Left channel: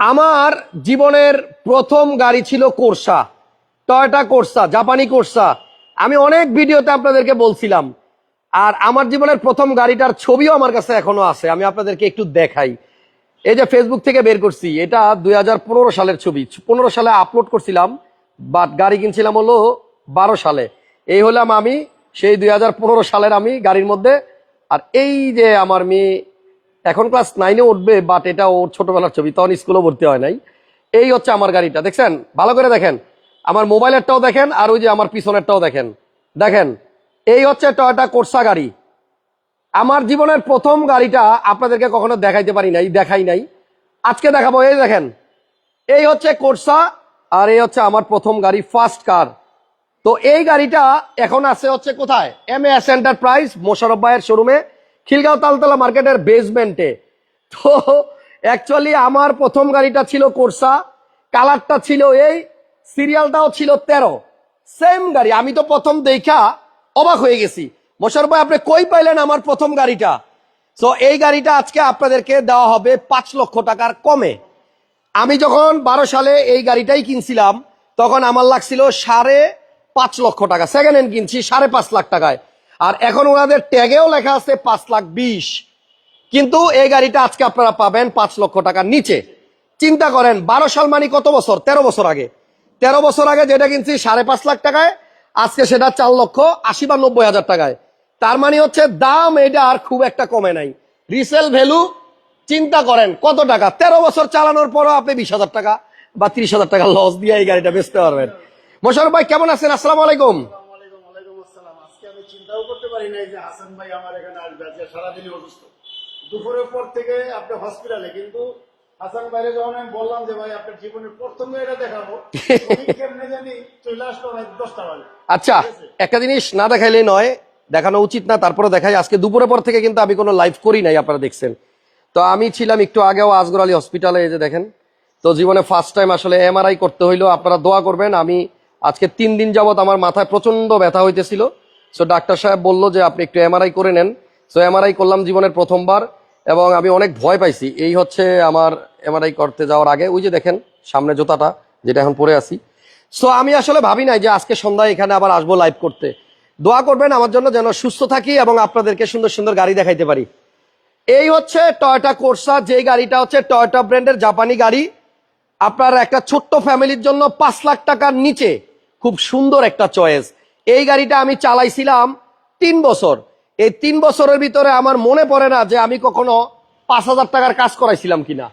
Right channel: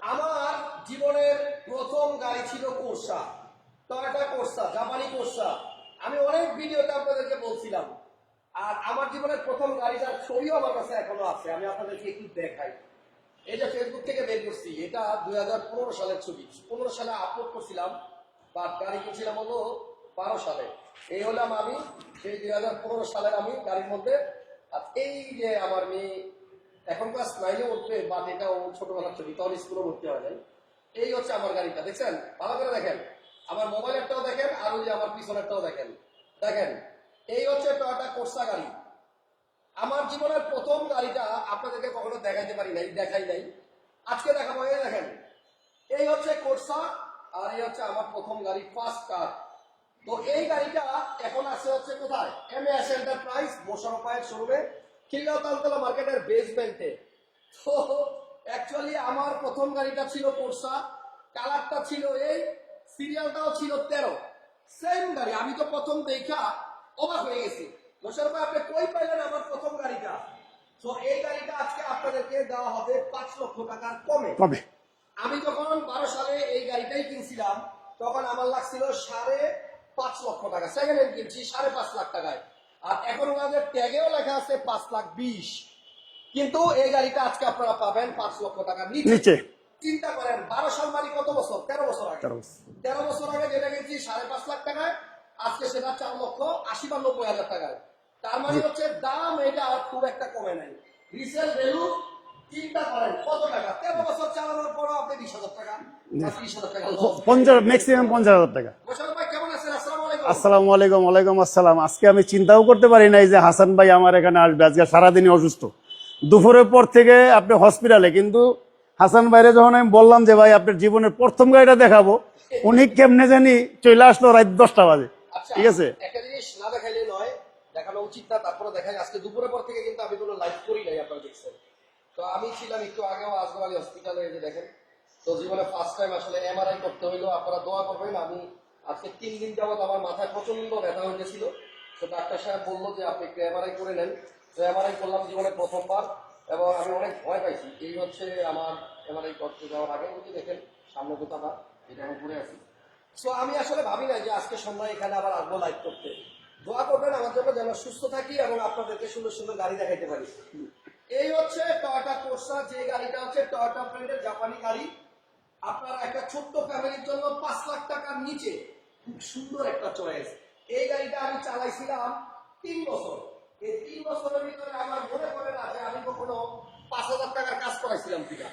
আমার জীবনের প্রথম গাড়ি ছিল কোর্সা, টয়টা কোর্সা, জাপানি কোর্সা। আমি অনেক ভিডিওতে আপনাদেরকে বলছিলাম, আর আমার জীবনের প্রথম গাড়িটার ছবিও আমার কাছে এখনও আছে, আমি আপনাদেরকে একটু দেখাই। এই যে ফেসবুক থেকে বের করছি, এটা দুই হাজার পনেরো সালের ছবি। পনেরো সালে আপলোড করছিলাম বাট গাড়ি কিনছিলাম হলো বারো সালে। এই হলাম আমি, সেই দুই হাজার পনেরো সালের আমি গাড়ির মধ্যে, আর এই যে আমার মেয়ে এখন ক্লাস নাইনে উঠবে বাট এটা ওর ছোটবেলার ছবি, তখন স্কুলে ভর্তি হয় নাই। এই হচ্ছে আমার গাড়িটা, দেখছেন? ভালো করে দেখেন। আমার মোবাইলেরটাও দেখেন, আর ওই যে আমার পিছনেরটাও দেখেন। দেখেন, এই হচ্ছে টয়টা কোর্সা গাড়ি। আমার জীবনের প্রথম গাড়িটা আপনাদেরকে কখনো দেখাইতে পারি নাই, দেখাই নাই। আজকে দেখাবো, এই দেখেন। এই হচ্ছে কোর্সা আর এই হচ্ছে আমার প্রথম গাড়ি ফার্স্ট কার তো এই গাড়িটা এখন আছে হচ্ছে কোথায়? এম এস এন্টারপ্রাইজ মোশারফ ভাইয়ের শোরুমে খিলগাঁও তালতলা মার্কেটের বেসমেন্টে তো অ্যাকচুয়ালি আমার প্রথম গাড়িটা ছিল কোর্সা কালারটা ছিল এই সিরিয়ালটাও ছিল তেরো। সেম গাড়ি আমি তো প্রথম দেখা অবাক হয়ে গেছি। মোশারফ ভাই আপনি কই পাইলেন আমার প্রথম গাড়িটা? তো এই গাড়িটা আজকে আপনাদেরকে দেওয়া হবে পাঁচ লক্ষ টাকার কমে। আমি যখন বারো সালে এই গাড়িটাই কিনছিলাম তখন আমার লাগছিল সাড়ে পাঁচ লক্ষ টাকা। সেকেন্ড হ্যান্ড কিনছি সাড়ে পাঁচ লাখ টাকায়। আর এখন ওনাদের ট্যাগেও লেখা আছে পাঁচ লাখ বিশ। কিন্তু এই গাড়িটা আজকে আপনারা পাবেন পাঁচ লক্ষ টাকার নিচে। চিন্তা করেন বারো সাল মানে কত বছর? তেরো বছর আগে। তেরো বছর। আগে যেটা কিনছি সাড়ে পাঁচ লাখ টাকায় আজকে সেটা চার লক্ষ আশি বা নব্বই হাজার টাকায়। তার মানে হচ্ছে দাম এটা আর খুব একটা কমে নাই। রিসেল ভ্যালু চিন্তা করেন কত টাকা? তেরো বছর চালানোর পরও আপনি বিশ হাজার টাকা। বা ত্রিশ হাজার টাকা লস দিয়ে এই গাড়িটা বেচতে Maximum পারবেন 50,000 টাকা। মোশারফ ভাই কেমন আছেন? আসসালামু আলাইকুম। আসসালামু আলাইকুম ওয়ালাইকুম আসসালাম। আজকে আমি চিন্তাও করতে পারি নাই যে হাসান ভাই আমার এখানে আসবে। আজকে সারাদিনই অসুস্থ। দুপুরের পর থেকে আপনি হসপিটালে কিন্তু হাসান ভাইরে যখন আমি বললাম যে ভাই আপনার জীবনের প্রথম গাড়িটা দেখাবো উনি কেমনে জানি চলে আসলো রাত দশটা বাজে। আচ্ছা ঠিক আছে? একটা জিনিস না দেখাইলে নয় দেখানো উচিত না তারপরে দেখাই। আজকে দুপুরের পর থেকে কিন্তু আমি কোনো লাইভ করি নাই আপনারা দেখছেন। তো আমি ছিলাম একটু আগেও আজগর আলী হসপিটালে এই যে দেখেন। তো জীবনে ফার্স্ট টাইম আসলে এমআরআই করতে হইল। আপনারা দোয়া করবেন, আমি আজকে তিন দিন যাবত আমার মাথায় প্রচণ্ড ব্যথা হইতেছিল। সো ডাক্তার সাহেব বলল যে আপনি একটু এমআরআই করে নেন। সো এমআরআই করলাম জীবনের প্রথমবার এবং আমি অনেক ভয় পাইছি। এই হচ্ছে আমার এমআরআই করতে যাওয়ার আগে। ওই যে দেখেন, সামনে জুতাটা, যেটা এখন পরে আছি। সো আমি আসলে ভাবি নাই যে আজকে সন্ধ্যায় এখানে আবার আসব লাইভ করতে। দোয়া করবেন, আমার জন্য যেন সুস্থ থাকি এবং আপনাদেরকে সুন্দর সুন্দর গাড়ি দেখাইতে পারি। এই হচ্ছে টয়টা কোর্সা যে গাড়িটা হচ্ছে টয়টা ব্র্যান্ডের জাপানি গাড়ি। আপনার একটা ছোট্ট ফ্যামিলির জন্য পাঁচ লাখ টাকার নিচে খুব সুন্দর একটা চয়েস। এই গাড়িটা আমি চালাইছিলাম তিন বছর। এই তিন বছরের ভিতরে আমার মনে পড়ে না যে আমি কখনো পাঁচ হাজার টাকার কাজ করাইছিলাম কিনা।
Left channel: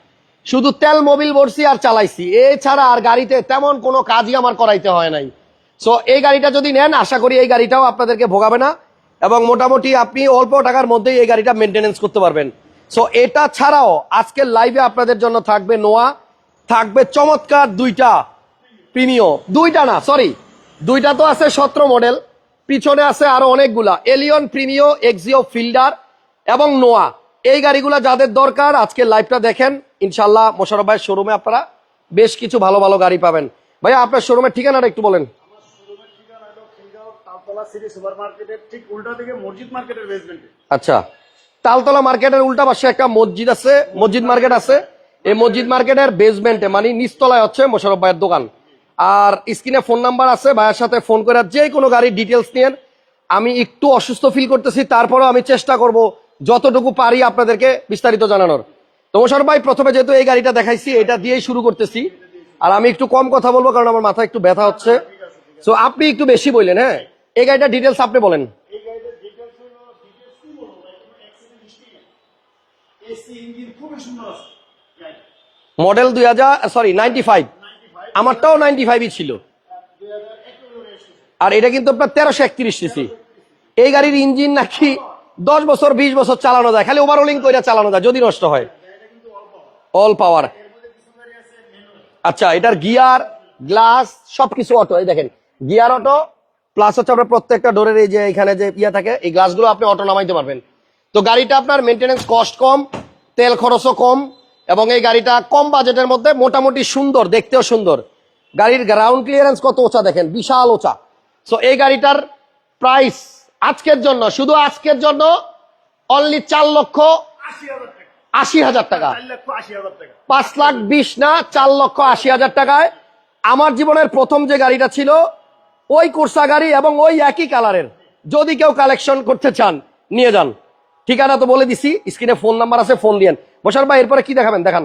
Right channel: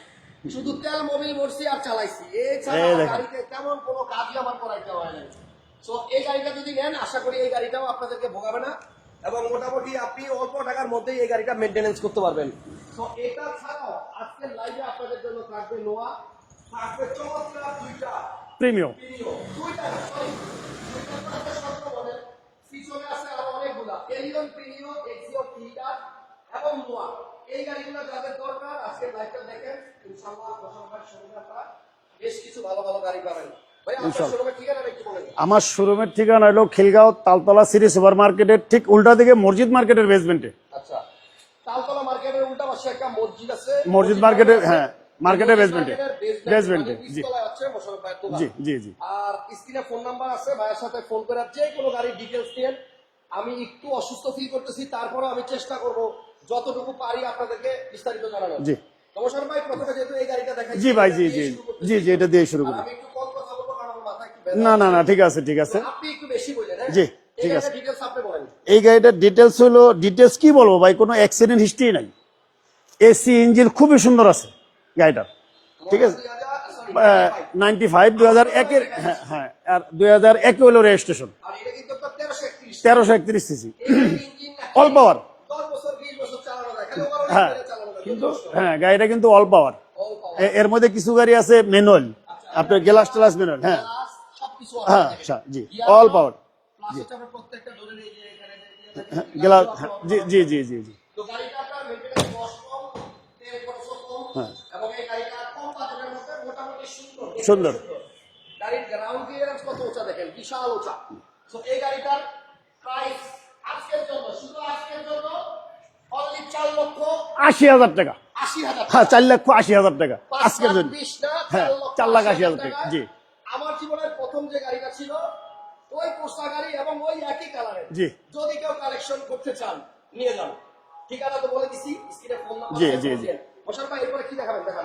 শুধু তেল মোবিল বলছি আর চালাইছি। এছাড়া আর গাড়িতে তেমন কোনো কাজই আমার করাইতে হয় নাই। সো এই গাড়িটা যদি নেন আশা করি এই গাড়িটাও আপনাদেরকে ভোগাবে না। এবং মোটামুটি আপনি অল্প টাকার মধ্যেই এই গাড়িটা মেনটেনেন্স করতে পারবেন। সো এটা ছাড়াও আজকের লাইভে আপনাদের জন্য থাকবে নোয়া। থাকবে চমৎকার দুইটা প্রিমিয়াম প্রিমিও দুইটা না সরি দুইটা তো আছে সতেরো মডেল পিছনে আছে আরও অনেকগুলা। এলিয়ন প্রিমিও এক্সিও ফিল্ডার এবং নোয়া এই গাড়িগুলা যাদের দরকার আজকে লাইভটা দেখেন। ইনশাল্লাহ মোশারফ ভাইয়ের শোরুমে আপনারা বেশ কিছু ভালো ভালো গাড়ি পাবেন। ভাইয়া আপনার শোরুমের ঠিকানাটা একটু বলেন। আমার শোরুমের ঠিকানা হলো খিলগাঁও তালতলা সিটি সুপার মার্কেটের ঠিক উল্টা দিকে মসজিদ মার্কেটের বেসমেন্টে আচ্ছা। তালতলা মার্কেটের উল্টা পাশে একটা মসজিদ আছে। মসজিদ মসজিদ মার্কেট আছে। হ্যাঁ, এই মসজিদ মার্কেটের বেসমেন্টে মানে নিচতলায় হচ্ছে মোশারফ ভাইয়ের দোকান। আর স্ক্রিনে ফোন নাম্বার আছে ভাইয়ের সাথে ফোন করে যে কোনো গাড়ির ডিটেলস নিয়ে আমি একটু অসুস্থ ফিল করতেছি তারপরেও আমি চেষ্টা করব যতটুকু পারি আপনাদেরকে বিস্তারিত জানানোর। তো মোশারফ ভাই প্রথমে যেহেতু এই গাড়িটা দেখাইছি এটা দিয়েই শুরু করতেছি। এটা দিয়েই শুরু আর আমি একটু কম কথা বলব কারণ আমার মাথা একটু ব্যথা হচ্ছে। না, ঠিক আছে ঠিক আছে। তো আপনি একটু বেশি বললেন হ্যাঁ? এই গাড়িটা ডিটেলস আপনি বলেন। এই গাড়িটার ডিটেলস হলো ডিটেলস কি বলব ভাই? কোনো অ্যাক্সিডেন্ট হিস্ট্রি নাই। এসি ইঞ্জিন খুবই সুন্দর আছে। গাড়িটার মডেল দুই হাজার sorry ninety five ninety five আমারটাও 95 ই ছিল। আর দুই হাজার এক হলো রেজিস্ট্রেশন আর এটা কিন্তু আপনার তেরোশো একত্রিশ তেরোশো একত্রিশ সিসি। এই গাড়ির ইঞ্জিন নাকি দশ বছর বিশ বছর চালানো যায় খালি ওভারওলিং করে চালানো যায় যদি নষ্ট হয়। হ্যাঁ গাড়িটা কিন্তু অল পাওয়ার অল পাওয়ার এর মধ্যে কিছু গাড়ি আছে ম্যানুয়াল আচ্ছা এটার গিয়ার গ্লাস সবকিছু অটো হ্যাঁ, দেখেন। আচ্ছা, গিয়ার প্লাস হচ্ছে আপনার প্রত্যেকটা ডোরের এই যে এখানে যে ইয়া থাকে এই গ্লাসগুলো আপনি অটো নামাইতে পারবেন। জি, জি, জি। তো গাড়িটা আপনার মেনটেনেন্স কস্ট কম তেল খরচও কম হ্যাঁ। এবং এই গাড়িটা কম বাজেটের মধ্যে মোটামুটি সুন্দর দেখতেও সুন্দর। গাড়ির গ্রাউন্ড ক্লিয়ারেন্স কত ওচা দেখেন? বিশাল ওচা সো এই গাড়িটার প্রাইস আজকের জন্য শুধু আজকের জন্য অনলি চার লক্ষ আশি হাজার টাকা। আশি হাজার হ্যাঁ, টাকা চার লক্ষ আশি হাজার টাকা। পাঁচ লাখ। বিশ না চার লক্ষ আশি হাজার টাকায় আমার জীবনের প্রথম যে গাড়িটা ছিল ওই কোর্সা গাড়ি এবং ওই একই কালারের যদি কেউ কালেকশন করতে চান নিয়ে যান। ঠিকানা তো বলে দিছি স্ক্রিনে ফোন নাম্বার আছে ফোন দিয়েন। বসার ভাই এরপরে কি দেখাবেন? দেখান।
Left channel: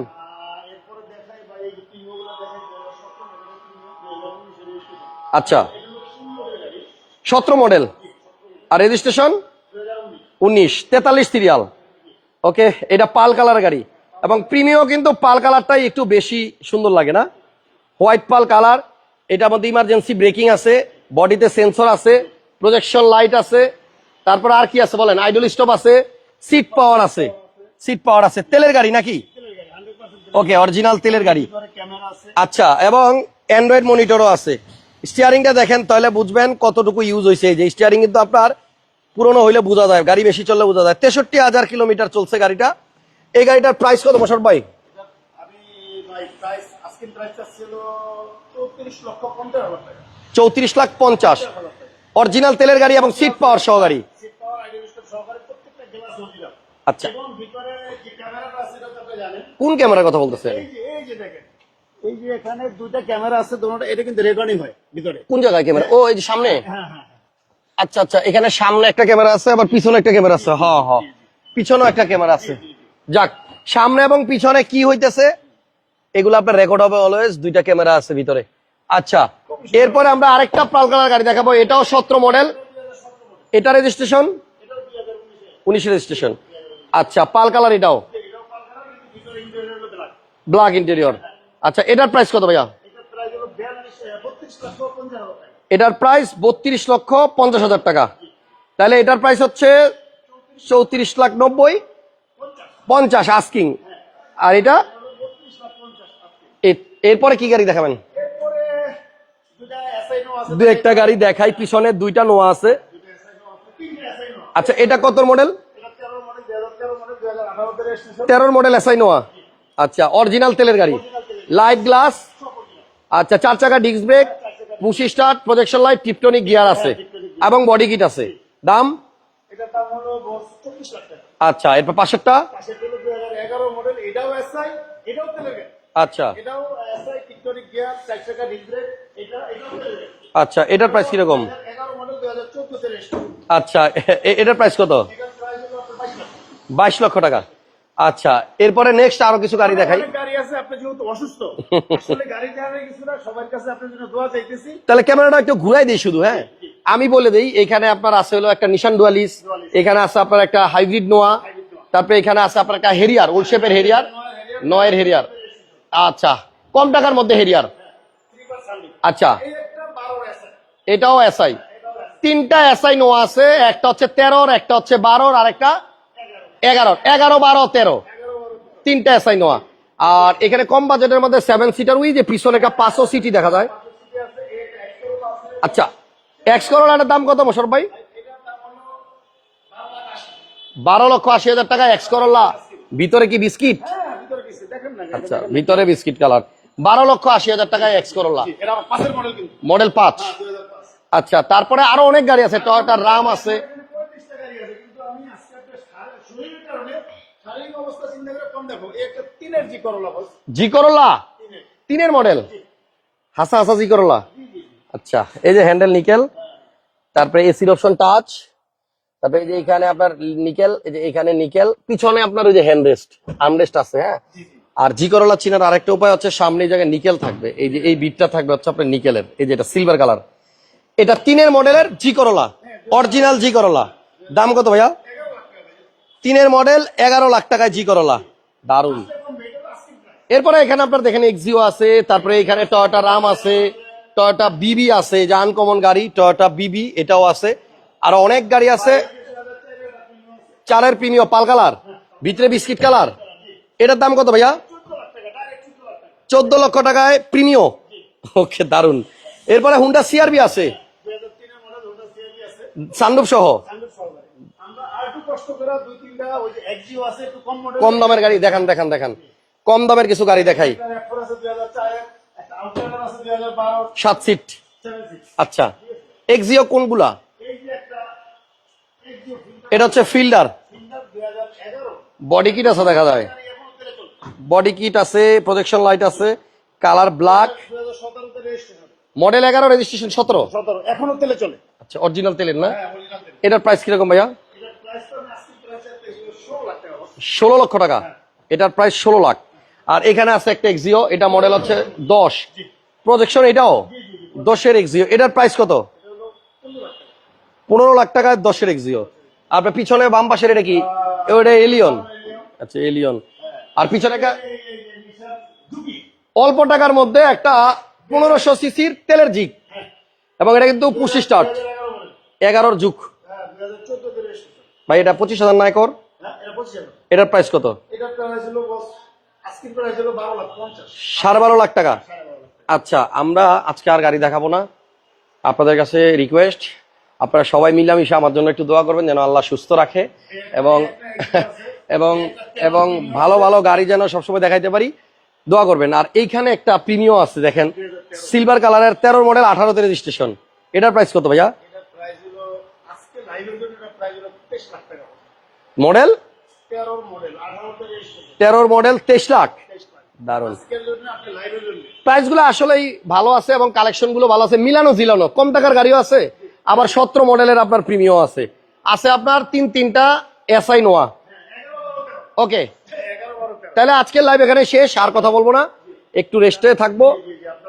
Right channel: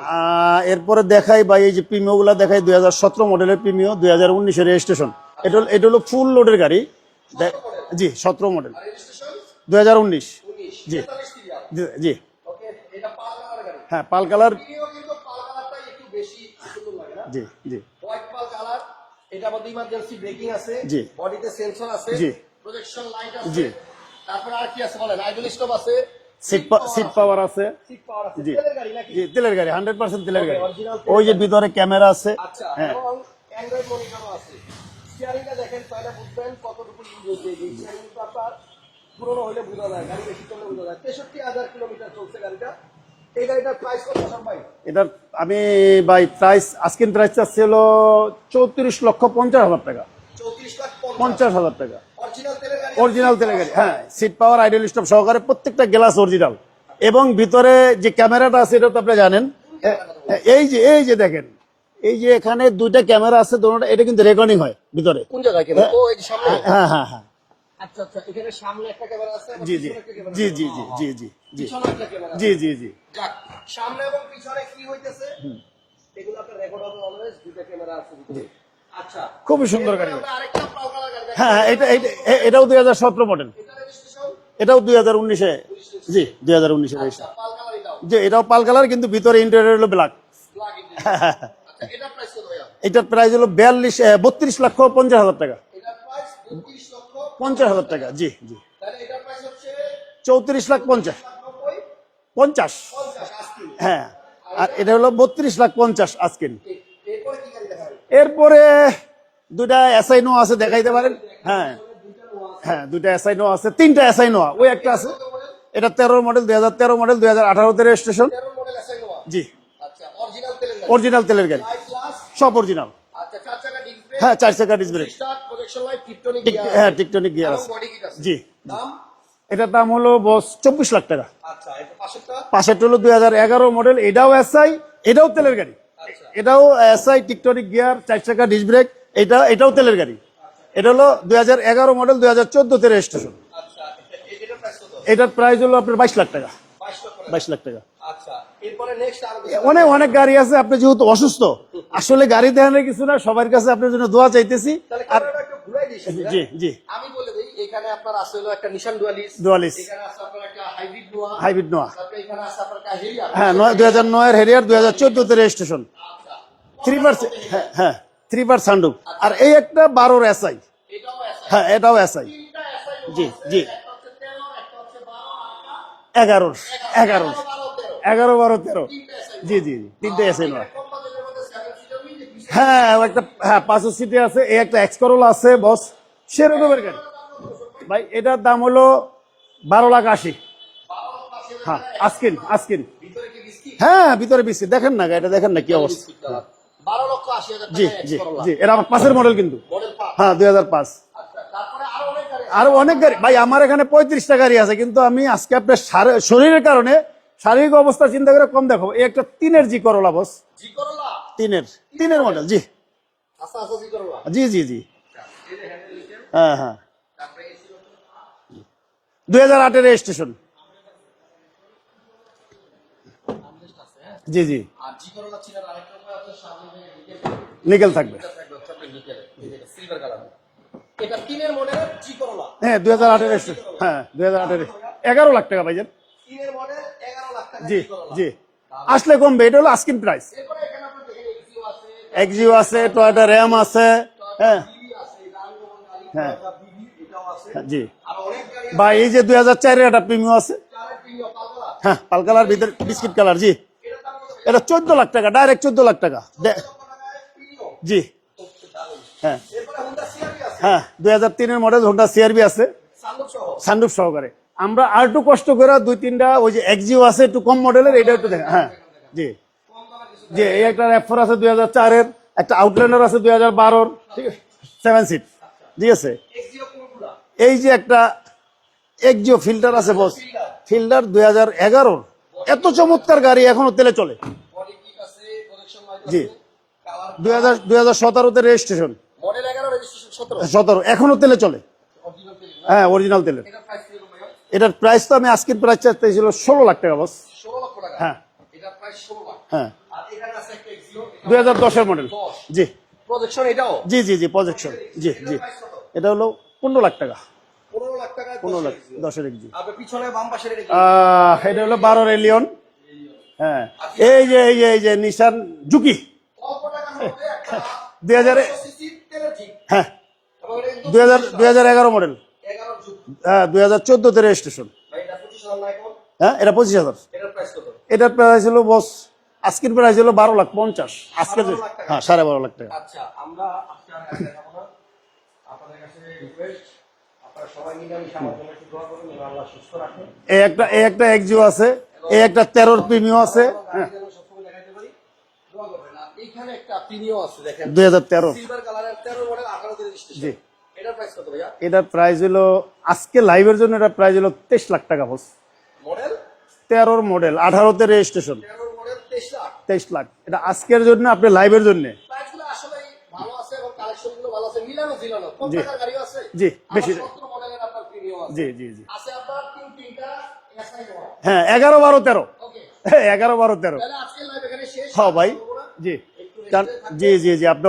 এরপরে দেখাই বা এই যে প্রিমিও গুলা দেখাই দুই হাজার সতেরো মডেলের প্রিমিও দুই হাজার উনিশের রেজিস্ট্রেশন আচ্ছা। এটা হলো ফুল লোডের গাড়ি। সতেরো মডেল জি সতেরো মডেল আর রেজিস্ট্রেশন দুই হাজার উনিশ। উনিশ তেতাল্লিশ সিরিয়াল জি ওকে এটা পাল কালার গাড়ি। হ্যাঁ, এবং প্রিমিও কিন্তু পাল কালারটাই একটু বেশি সুন্দর লাগে না? হোয়াইট পাল কালার এটার মধ্যে ইমার্জেন্সি ব্রেকিং আছে। বডিতে সেন্সর আছে। প্রজেকশন লাইট আছে তারপর আর কি আছে বলেন? আইডল স্টপ আছে সিট পাওয়ার আছে। সিট পাওয়ার আছে। তেলের গাড়ি নাকি? তেলের গাড়ি গাড়ি। ভিতরে ক্যামেরা আছে। আচ্ছা এবং অ্যান্ড্রয়েড মনিটরও আছে। স্টিয়ারিংটা দেখেন তাহলে বুঝবেন কতটুকু ইউজ হয়েছে এই যে স্টিয়ারিং কিন্তু আপনার পুরনো হইলে বোঝা যায় গাড়ি বেশি চললে বোঝা যায়। তেষট্টি হাজার কিলোমিটার চলছে গাড়িটা। এই গাড়িটার প্রাইস কত বছর ভাই? এটার আমি বাই প্রাইস আজকের প্রাইস ছিল চৌত্রিশ লক্ষ পঞ্চাশ হাজার টাকা। চৌত্রিশ লাখ পঞ্চাশ। হাজার টাকা। অরিজিনাল তেলের গাড়ি এবং সিট পাওয়ার সহ গাড়ি। সিট পাওয়ার আইডল স্টপ সহকারে প্রত্যেকটা গ্লাস অরিজিনাল আচ্ছা। এবং ভিতরে যে ক্যামেরাটা আছে এটা তো আপনি জানেন। কোন ক্যামেরার কথা বলতে এই যে এই যে দেখেন এই যে এখানে দুইটা ক্যামেরা আছে দুটোটা এটা কিন্তু রেকর্ডিং হয় ভিতরে। কোন জায়গায় ক্যামেরা? ও এই যে সামনে? হ্যাঁ হ্যাঁ হ্যাঁ। আচ্ছা আচ্ছা এখানে সামনে একটা ক্যামেরা আছে আবার পিছনে একটা ক্যামেরা আছে। হ্যাঁ হ্যাঁ জি, জি। পিছনেও একটা ক্যামেরা আছে। জি জি জি। যাক সামনে এবং পিছনে কি হইতেছে? এগুলো আপনার রেকর্ড হবে অলওয়েজ দুইটা ক্যামেরা আছে ভিতরে। আচ্ছা সুন্দর এরপরে আমরা আরেকটা পাল কালার গাড়ি দেখাবো হ্যাঁ, এটাও এটা- সতেরো মডেল এটাও দুই হাজার সতেরো মডেল এটা রেজিস্ট্রেশন এটাও দুই হাজার উনিশে। উনিশ রেজিস্ট্রেশন দুই হাজার উনিশে। আচ্ছা পাল কালার এটাও? যে এটাও পাল কালার কিন্তু ভিতরে ইন্টেরিয়র হলো ব্ল্যাক ব্ল্যাক ইন্টেরিয়র আচ্ছা এটার প্রাইস কত ভাইয়া? এটার প্রাইস হলো বিয়াল্লিশ বত্রিশ লক্ষ পঞ্চাশ হাজার টাকা। এটার প্রাইস বত্রিশ লক্ষ পঞ্চাশ হাজার টাকা। জি জি। তাহলে এটার প্রাইস হচ্ছে চৌত্রিশ চৌত্রিশ লাখ নব্বই? পঞ্চাশ। পঞ্চাশ আস্কিং হ্যাঁ। আর এটা? এটা হলো বত্রিশ লাখ পঞ্চাশ আজকে এরপরে কি গাড়ি দেখাবেন? এরপরে দুইটা এসআই নো আছে একটা গাড়ি দেখাই হ্যাঁ, পিছনে দুইটা নোয়া আছে। হ্যাঁ, দুইটা এসআই নো আছে তিনটা এসআই নো আচ্ছা এটা কত মডেল এটা তেরো মডেল দুই হাজার তেরো মডেল দুই হাজার আঠারোতে রেজিস্ট্রেশন তেরোর মডেল এসআই নোয়া জি। আচ্ছা অরিজিনাল তেলের গাড়ি? অরিজিনাল তেলের গাড়ি। লাইট গ্লাস সব অরিজিনাল আচ্ছা চার চাকা ডিস্ক ব্রেক হ্যাঁ চার চাকা বুশি brake। Start projection light tiptronic gear আছে। Tiptonic gear এবং বডি কিট আছে। জি। দাম? এটার দাম হলো বস চব্বিশ লাখ টাকা। আচ্ছা এরপর পাশেরটা? পাশেরটা হলো দুই হাজার এগারো মডেল এটাও এসআই এটাও তেলের গাড়ি। আচ্ছা। এটাও এসআই টিকটনিক গিয়ার চার চাকা ডিস ব্রেক এটা এটাও তেলের গাড়ি। আচ্ছা এটার প্রাইস কীরকম? দুই হাজার এগারো মডেল দুই হাজার চোদ্দতে রেজিস্ট্রেশন আচ্ছা এটার প্রাইস কত? এটার প্রাইস হলো আপনার বাইশ লাখ টাকা। বাইশ লক্ষ টাকা। বাইশ লাখ টাকা। আচ্ছা এরপরে নেক্সট আরও কিছু গাড়ি অনেক দেখাই। অনেক গাড়ি আছে আপনি যেহেতু অসুস্থ আসলে গাড়ি দেখানোর কিছু না সবার কাছে আপনার জন্য দোয়া চাইতেছি। তাহলে ক্যামেরাটা একটু ঘুরাই দিই শুধু হ্যাঁ। আমি বলে দিই এখানে আপনার আছে হলো একটা নিশান ডুয়ালিস এখানে আছে আপনার একটা হাইব্রিড নোয়া হাইব্রিড নোয়া তারপরে এখানে আছে আপনার একটা হেরিয়ার দুই হেরিয়ার হাজার নয়ের হেরিয়ার দুই নয়ের হাজার হেরিয়ার। রেজিস্ট্রেশন আচ্ছা কম টাকার মধ্যে হেরিয়ার হ্যাঁ। থ্রি বার আচ্ছা। এই একটা বারোর এসআই এটাও এসআই হ্যাঁ এটাও এসআই তিনটা এসআই নোয়া আছে একটা হচ্ছে তেরোর একটা হচ্ছে বারোর আর একটা এগারোর। এগারো এগারো বারো তেরো। এগারো বারো তেরো। তিনটা এসআই নোয়া জি, জি, জি। তিনটা আর এখানে কম বাজেটের মধ্যে সেভেন সিটার উই যে পিছনে হ্যাঁ, পাঁচশো সিটি দেখা হ্যাঁ, পাঁচশো সিটি আছে এই একটা এক্স করোলা আছে বস আচ্ছা সেরকম এক্স করোলাটার দাম কত মোশারফ ভাই? ভাই এটার দাম হলো বারো লাখ আশি। বারো লক্ষ আশি হাজার টাকা এক্স আজকিন, ভিতরে কি বিস্কিট? হ্যাঁ ভিতরে বিস্কিট। দেখেন না এটা দেখেন ভিতরে বিস্কিট কালার। বারো লক্ষ আশি হাজার টাকা এক্স করোলা এটা আমার পাশের মডেল কিন্তু। মডেল পাঁচ? হ্যাঁ দুই হাজার পাঁচ। আচ্ছা তারপরে আরও অনেক গাড়ি আছে আরও অনেক ভাই আমার এখানে পঁয়ত্রিশটা গাড়ি আছে কিন্তু আমি আজকে আপনার শরীরের কারণে শারীরিক অবস্থা চিন্তা করে কম দেখো। একটা তিনের জি করোলা বস জি করোলা তিনের তিনের মডেল? জি। হাসা হাসা জি করোলা জি জি জি। আচ্ছা এই যে হ্যান্ডেল নিকেল হ্যাঁ হ্যাঁ। তারপরে এসির অপশন টাচ 2008 এর registration। নিকেল এখানে নিকেল পিছনে আপনার ওই যে হ্যান্ড রেস্ট আর্মরেস্ট আছে হ্যাঁ? জি জি। আর জি করোলা চিনার আরেকটা উপায় হচ্ছে সামনে জায়গায় নিকেল থাকবে। এই যে বিটটা থাকবে। হচ্ছে আপনার নিকেলের এই যে এটা সিলভার কালার এটা তিনের মডেলের জি করোলা হ্যাঁ 2008 অরিজিনাল এর জি করোলা। হ্যাঁ, 2008 দাম কত ভাইয়া? এগারো লাখ টাকা ভাইজান। তিনের মডেল এগারো লাখ টাকায় জি করোলা। আসলে কমবে এটা হলো আস্কিন প্রাইস এরপরে এখানে আপনার দেখেন এক্সিও আছে তারপরে এখানে আছে, টয়োটা রাম আছে টয়োটা হ্যাঁ। বিবি আছে যে আনকমন গাড়ি টয়োটা বিবি এটাও আছে। জি। আর অনেক গাড়ি আছে। এই যে দুই হাজার চারের একটা আছে। চারের প্রিমিয় পাল কালার। হ্যাঁ pearl colour biscuit colour. Biscuit colour জি। এটার দাম কত ভাইয়া? চোদ্দ লাখ টাকা ডাইরেক্ট চোদ্দ লাখ টাকা। চোদ্দ লক্ষ টাকায় প্রিমিয় জি। ওকে দারুণ হ্যাঁ। এরপরে হুন্ডা সিআরবি আছে। হ্যাঁ দুই হাজার তিনের মডেল হোন্ডা সিআরবি আছে। সানরুফ সহ? সানরুফ সহকারে। আমরা আর একটু কষ্ট করে দুই তিনটা ওই যে এক্সিও আছে একটু কম মডেল গাড়ি দেখান দেখান দেখান। জি। কম দামের কিছু গাড়ি দেখাই। একটা র্যাফার আছে দুই হাজার চারের একটা আউটল্যান্ডার আছে দুই হাজার বারোর। সাত সিট সেভেন সিট আচ্ছা। ঠিক আছে? এক্সিও কোনগুলা? এই যে একটা একজিও ফিল্টার এটা হচ্ছে ফিল্ডার ফিল্ডার দুই হাজার এগারো। Body kit আছে দেখা গাড়ি এখনও তেলে চলে। বডি কিট আছে প্রজেকশন লাইট আছে কালার ব্ল্যাক দুই হাজার সতেরোতে রেজিস্ট্রেশন মডেল এগারো রেজিস্ট্রেশন সতেরো? সতেরো এখনও তেলে চলে। আচ্ছা অরিজিনাল তেলের না? হ্যাঁ অরিজিনাল তেলে এটার প্রাইস কীরকম ভাইয়া? এটার প্রাইস তো আমি আজকের প্রাইস চাইছিল ষোলো লাখ টাকা বস। ষোলো লক্ষ টাকা? হ্যাঁ। এটার প্রাইস ষোলো লাখ। হ্যাঁ। আর এখানে আছে একটা এক্সিও এটা মডেল 2010 এর দশ। জি। প্রজেকশন এটাও? জি জি জি positive। দশের এক্সিও এটার প্রাইস কত? এটা হলো পনেরো লাখ টাকা। পনেরো লাখ টাকায় দশের এক্সিও আপনার পিছনে বাম পাশের এটা কি? ওটা এলিয়ন এলিয়ন আচ্ছা এলিয়ন হ্যাঁ। আর পিছনে এই যে এই যে নিশান জুকি অল্প টাকার মধ্যে একটা পনেরোশো সিসির তেলের জিগ। হ্যাঁ। এবং এটা কিন্তু দুই হাজার- পঁচিশটা দুই হাজার এগারো মডেল এগারোর যুগ। হ্যাঁ দুই হাজার চোদ্দতে রেজিস্ট্রেশন ভাই এটা পঁচিশ হাজার নাই কর। হ্যাঁ এটা পঁচিশ হাজার। এটার প্রাইস কত? এটার প্রাইস হলো বস আজকের প্রাইস হলো বারো লাখ পঞ্চাশ। সাড়ে বারো লাখ টাকা? হ্যাঁ, সাড়ে বারো লাখ টাকা। আচ্ছা আমরা আজকে আর গাড়ি দেখাবো না। আপনাদের কাছে রিকোয়েস্ট আপনারা সবাই মিলে মিলামিশে আমার জন্য একটু দোয়া করবেন যেন আল্লাহ সুস্থ রাখে একটা আছে। এবং একটা ভালো ভালো গাড়ি যেন সবসময় দেখাইতে পারি দোয়া করবেন। আর এইখানে একটা প্রিমিও আছে দেখেন। দুই হাজার তেরো। সিলভার কালারের তেরো মডেল আঠারোতে রেজিস্ট্রেশন এটার প্রাইস কত ভাইয়া? এটার প্রাইস হলো আজকে লাইভের জন্য এটা প্রাইস হলো তেইশ লাখ টাকা বস মডেল তেরোর মডেল আঠারোতে রেজিস্ট্রেশন তেরোর মডেল তেইশ লাখ। তেইশ লাখ। আজকের জন্য আপনি লাইভের জন্য। প্রাইসগুলো আসলেই ভালো আছে এবং কালেকশনগুলো ভালো আছে। মিলানো জিলানো কম টাকার গাড়িও আছে। আবার সতেরো মডেলের আপনার প্রিমিয়াম আছে। আছে আপনার তিন তিনটা এসআই নোয়া হ্যাঁ এগারো বারো তেরো। ওকে এগারো বারো তেরো। তাহলে আজকের লাইভ এখানে শেষ আর হ্যাঁ, কথা বলব না। একটু রেস্টে থাকব।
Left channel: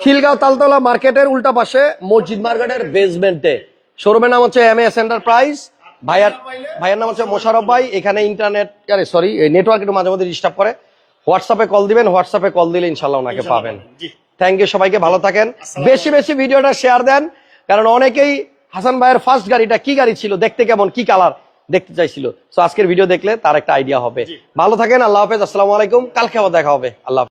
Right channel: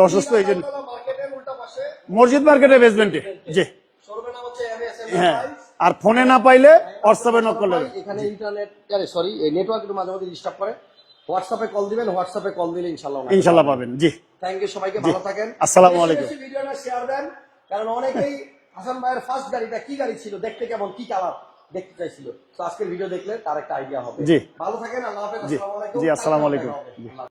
খিলগাঁও তালতলা মার্কেটের উল্টা পাশে মসজিদ মার্কেটের বেসমেন্টে। শোরুমের নাম হচ্ছে এম এস এন্টারপ্রাইজ হ্যাঁ। আর ফোনে না পাইলে ভাইয়ের নাম হচ্ছে মোশারফ ভাই। এখানে ইন্টারনেট আরে সরি নেটওয়ার্ক একটু মাঝে মধ্যে ডিস্টার্ব করে। হোয়াটসঅ্যাপে কল দিবেন হোয়াটসঅ্যাপে কল দিলে ইনশাআল্লাহ ওনাকে পাবেন। জি। থ্যাংক ইউ সবাইকে ভালো থাকেন। বেশি বেশি ভিডিওটা শেয়ার দেন কারণ অনেকেই হাসান ভাইয়ের ফার্স্ট গাড়িটা কি গাড়ি ছিল দেখতে কেমন কি কালার দেখতে চাইছিল। তো আজকের ভিডিও দেখলে তার একটা আইডিয়া হবে। ভালো থাকেন আল্লাহ হাফেজ আসসালামু আলাইকুম। কালকে দেখা হবে। আল্লাহ।